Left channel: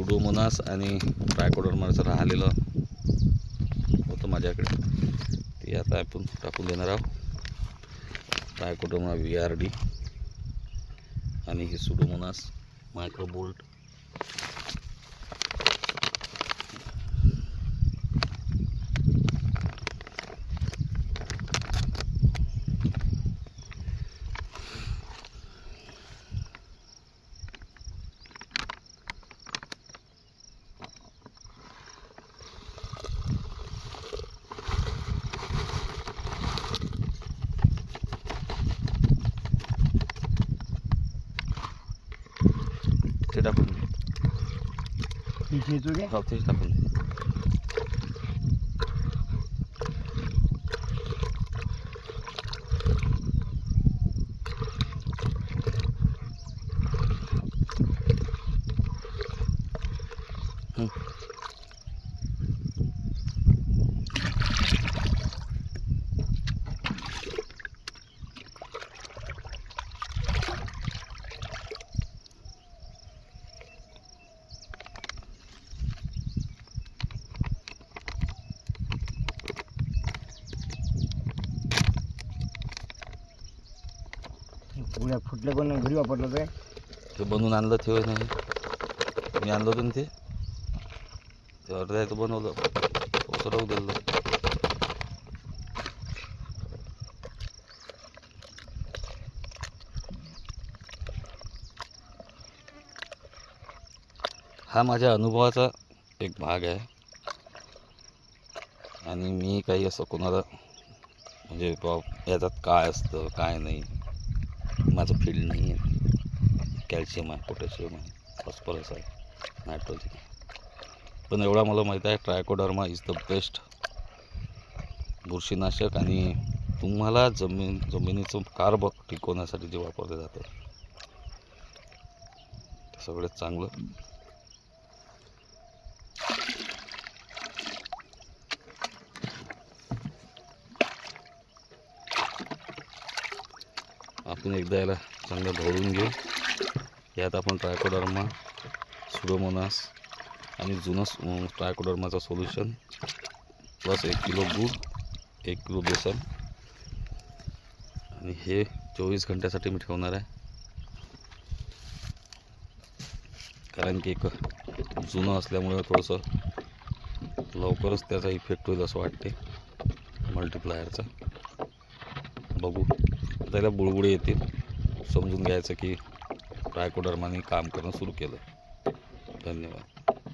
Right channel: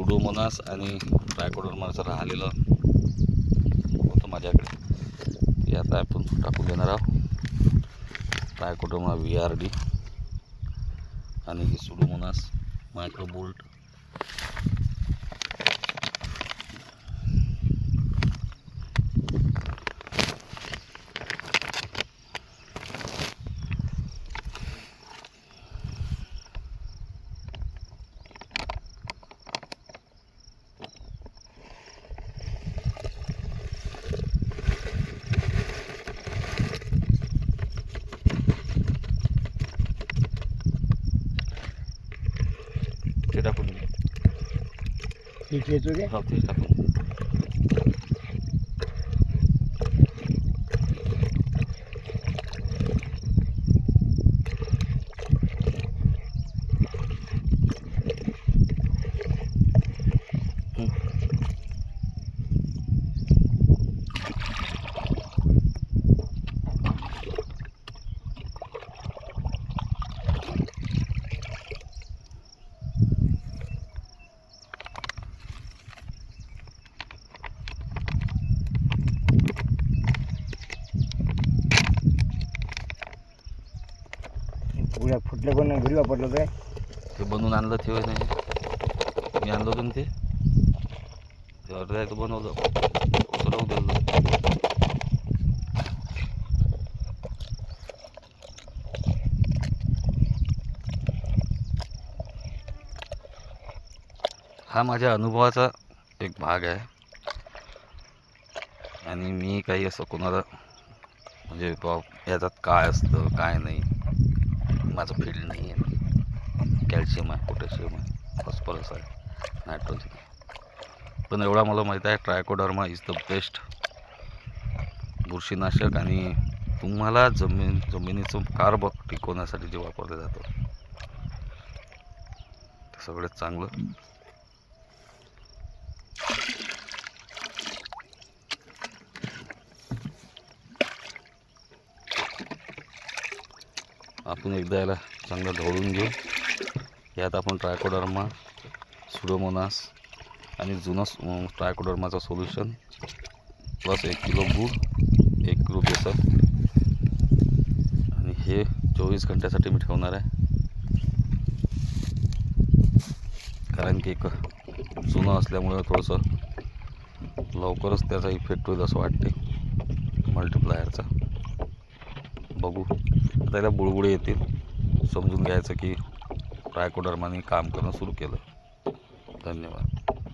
Pseudomonas आणि ट्रायकोडर्माचं राहिलेलं होतं माझ्याकडे. ते आता आपण टाकून देणार आहोत. ट्रायकोडर्मा व्ही आर डी आणि हे सुडोमोनास मायक्रोबोल्ट. ते टाकून दे. ठीक आहे तुझे हो ते टाकून दे. पुढ्या पण नाही घरी वापरलं काय ते बनवून आणलं ते नाही. मी आणलं होतं ते. ते आहे आहे बनवलं. राहू दिलं. हा माझ्या अनुभवाचा एक भाग आहे. आणि मी काही असं कोणाला म्हणजे बा याच्यात काय असतं काय नाही. माझं फील्ड नाही आहे. कॅल्शियम आहे पोटॅशियम आहे फॉस्फरस आहे नायट्रोजन पण एवढा मला माहीत आहे ट्रायकोडर्मा इज द बेस्ट बुरशीनाशक आणि तुम्हाला जमीन जमिनीचं कार्ब टिकवण्यासाठी जे वापरलं जातं ते सगळ्यात चांगलं. आपण एकदा याला चांगलं ढवळून घेऊ. यात आपण ट्रायकोडर्मा सुडोमोनास आणि जुनं ट्रायकोडर्माचं सोल्युशन प्लस एक किलो गूळ एक किलो बेसन. आणि हे चोवीस घंट्यासाठी मी ठेवणार आहे. कारण की एक जुनं असल्यामुळं थोडंसं लवकरच त्याचा इफेक्ट होईल असं वाटते. मल्टिप्लायरचा बघू. त्याला बुळबुळे येतील समजून घ्यायचं की ट्रायकोडर्माने काम करणं सुरू केलं धन्यवाद.